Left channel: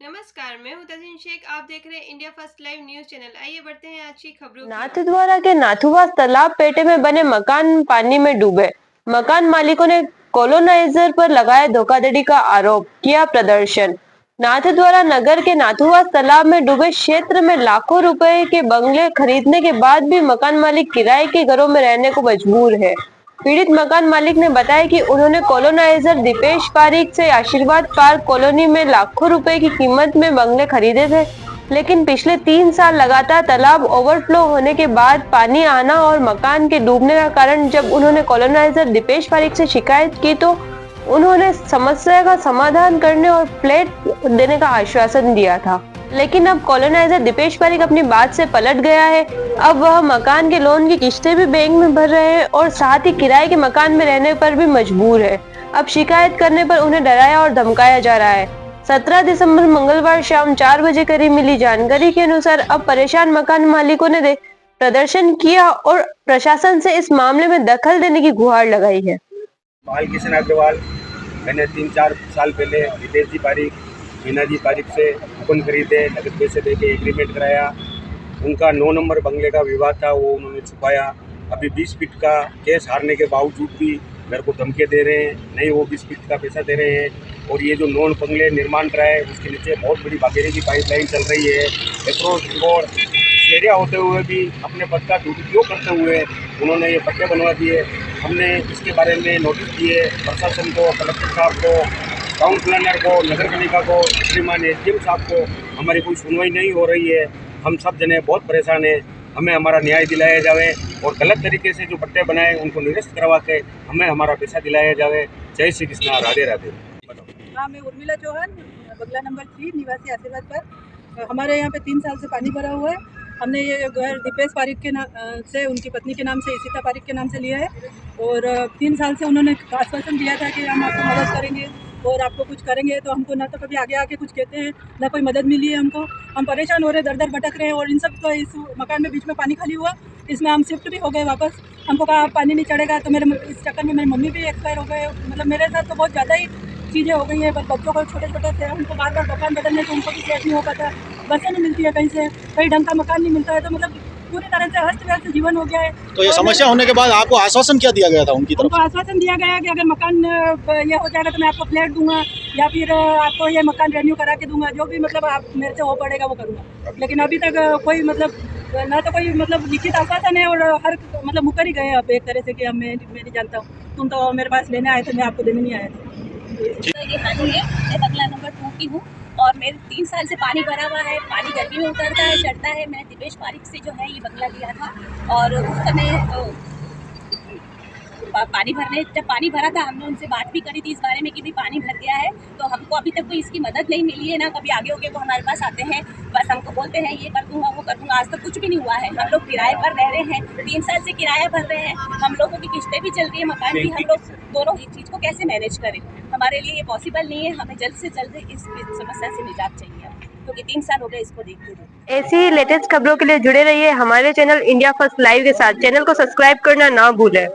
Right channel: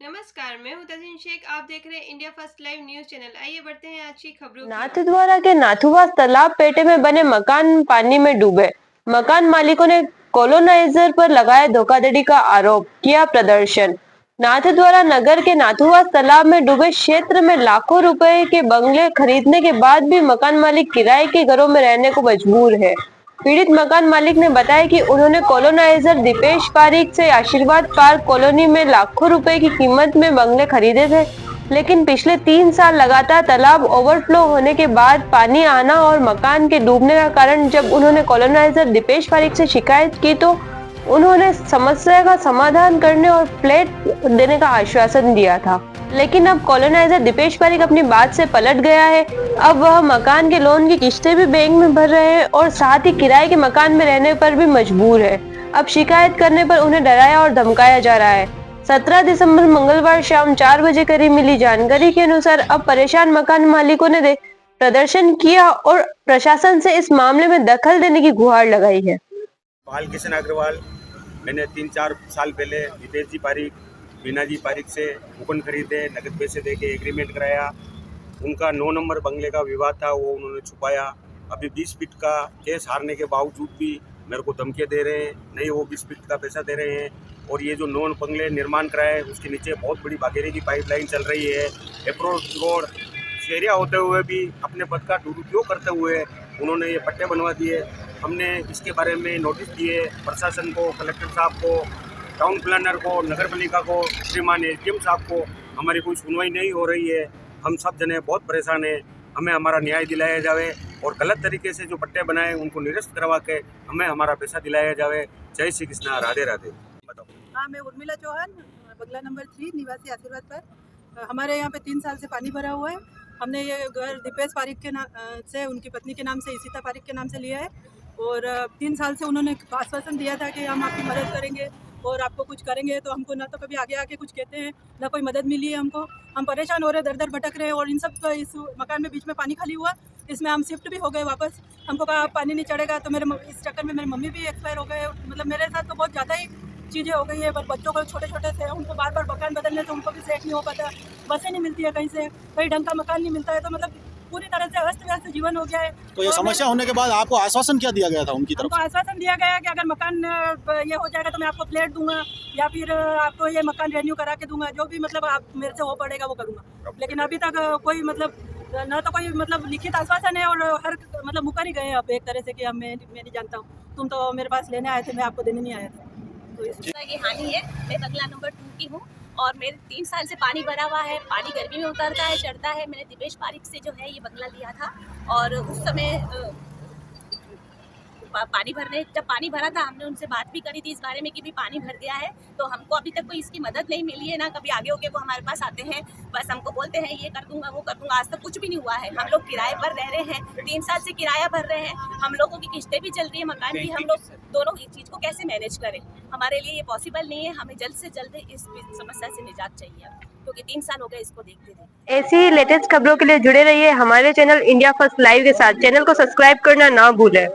नमस्कार, मैं हूं तजिन शेख। आप देख रहे हैं India first live news channel. आइए बढ़ते हैं आज की खबरों की ओर। नाथद्वारा के नाथुवास तालाब पेटे में बने मकान पानी में डूबे। मकान मालिकों ने कॉलोनाइजर पर लगाया धोखाधड़ी का आरोप, किया प्रदर्शन। नाथद्वारा नगर के नाथुवास तालाब में डूबे क्षेत्र में लाखों रुपए के बंगले खरीदने के बाद भी मकान मालिक किराए के घरों में रहने को मजबूर है। पीड़ित मकान मालिक ने बताया कि उन्होंने कॉलोनाइजर दीपेश पारिक से आशीर्वाद पार्क कॉलोनी में लाखों रुपए की कीमत में बंगले खरीदे थे, लेकिन पिछले 3 साल लगातार तालाब ओवरफ्लो होने के बाद पानी आना और मकान के डूबने का कारण जब उन्होंने कॉलोनाइजर दीपेश पारिक से शिकायत की तो उन्होंने समस्या का समाधान करने और फ्लैट देने का आश्वासन दिया था, लेकिन अब कॉलोनाइजर दीपेश पारिक अपनी बात से पलट गया है। अब वह मकान के लोन की किस्तें भी बैंक में भर रहे हैं और साथ ही किराए के मकान में रहने पर भी मजबूर है। अब शिकायत करने पर उन्हें डराया और धमकाया जा रहा है। 17 दिसंबर मंगलवार शाम 4 बजे करीब मिली जानकारी के अनुसार अब परेशान मकान मालिकों ने प्रदर्शन किया और प्रशासन से इस मामले में दखल देने की गुहार लगाई है। बालकिशन अग्रवाल, मैंने 3-4 साल पहले दीपेश जी पारिक, मीना जी पारिक से कूपन खरीदे, नकद पैसे दे के एग्रीमेंट कराया। उनका 9 नंबर बंगले का विवाद था, वो उन्होंने छुपाया। अभी 20 फीट का केस हारने के बावजूद भी मेरे को धमकी दे रहे हैं, नहीं वो 20 फीट का पैसा दे रहे हैं। और ये जो 9 बंगले निर्माण कराए उसके नीचे बहुत बड़ी बागेरे की पाइपलाइन चल रही है। अप्रोच रोड एरिया होते हुए भी अपने पद का दुरुपयोग करते हुए उन्होंने ये पट्टे बनवा दिए। हमने इसके बारे में नोटिस दिए प्रशासन को, कलेक्टर साहब को, टाउन प्लानर को, नगर पालिका को, श्रीमान एसडीएम साहब को। हमारी कोई सुनवाई नहीं हो रही है। हम सब जने बहुत परेशान हैं। हमें हमारा न्याय दिलाया जाए और गलत तरीके से जो पट्टे बनाए उनको निरस्त करवा के हमें हमारा पैसा दिलाया जाए। जय श्री कृष्णा, राधे राधे। हाँ, मैं उर्मिला चौहान, बंगला नंबर 3, निवासी आशीर्वाद पर। हमारे यहाँ पे 3 साल से पानी भरा हुआ है। हमने ये घर दीपेश पारिक के नाम से, उनकी पत्नी के नाम से, इशिता पारिक के नाम से लिया है। और 3 साल से उन्होंने आश्वासन दिया था कि हम आपको मदद करेंगे और आपको कुछ करेंगे, तो हमको ना तो कभी आगे आके कुछ कहते हैं, ना कोई मदद मिली है हमको। हम परेशान हो रहे, दर दर भटक रहे हैं। और इन सब का इस मकान में बीच में पानी खाली हुआ, इसमें हम शिफ्ट भी हो गए वापस। हमको कहा पानी नहीं चढ़ेगा, तो इस चक्कर में मेरी मम्मी भी एक्सपायर हो गए। मतलब मेरे साथ तो बहुत ज़्यादा ही चीज़ें हो गई हैं। पर बच्चों को छोटे छोटे से उनको बार बार मकान बदलने से उनको भी सेट नहीं हो पाता। बसें नहीं मिलती है कहीं से, कहीं ढंग का मकान नहीं मिलता है। तो मतलब पूरी तरह से अस्त व्यस्त जीवन हो गया है। तो ये समस्या होने के बाद आपको आश्वासन क्या दिया गया था उनकी तरफ हमको आश्वासन दिया गया है कि अगर मकान ये हो जाएगा तो मैं आपको फ्लैट दूंगा या फिर आपको ये मकान रेन्यू करा के दूंगा, जो भी मतलब आप मेरे से हो पड़ेगा वो करूँगा। लेकिन अभी तक कोई मतलब ना तो कोई मतलब लिखित आश्वासन है और हर मतलब मुकर ही गए अब एक तरह से कि अब मैं नहीं जानता हूँ, तुम तो मेरे पास लेने आए थे, मैं आपको देने नहीं आया था। ये हानि है। मैं बंगला नंबर 2 की हूँ और मेरे 3 साल से पानी भरा हुआ है। पानी गर्मी में उतरता है, चढ़ता है। मैंने दीपेश पारिक से जो है ये बंगला लिया था और उस समय जब पानी भरा था हमने उनसे बात भी करी थी इस बारे में कि भी पानी भर गया है। तो हमको अभी तक कोई इसकी मदद नहीं मिली है, ना कभी आगे होके वो हमारे पास आते हैं। बस हमको बोलते हैं ये कर दूंगा वो कर दूंगा, आज तक कुछ भी नहीं हुआ है। हम लोग किराए पर रह रहे हैं, 3 साल से किराया भर रहे हैं। हम लोगों की किस्तें भी चल रही है, मकान भी। हम लोग दोनों इस चीज़ को कैसे मैनेज करें? हमारे लिए ये पॉसिबल नहीं है। हमें जल्द से जल्द इस समस्या से निजात चाहिए, क्योंकि 3 साल हो गए इसको देखते हुए। ऐसी लेटेस्ट खबरों के लिए जुड़े रहिए हमारे चैनल इंडिया फर्स्ट लाइव के साथ। चैनल को सब्सक्राइब करना ना भूलें।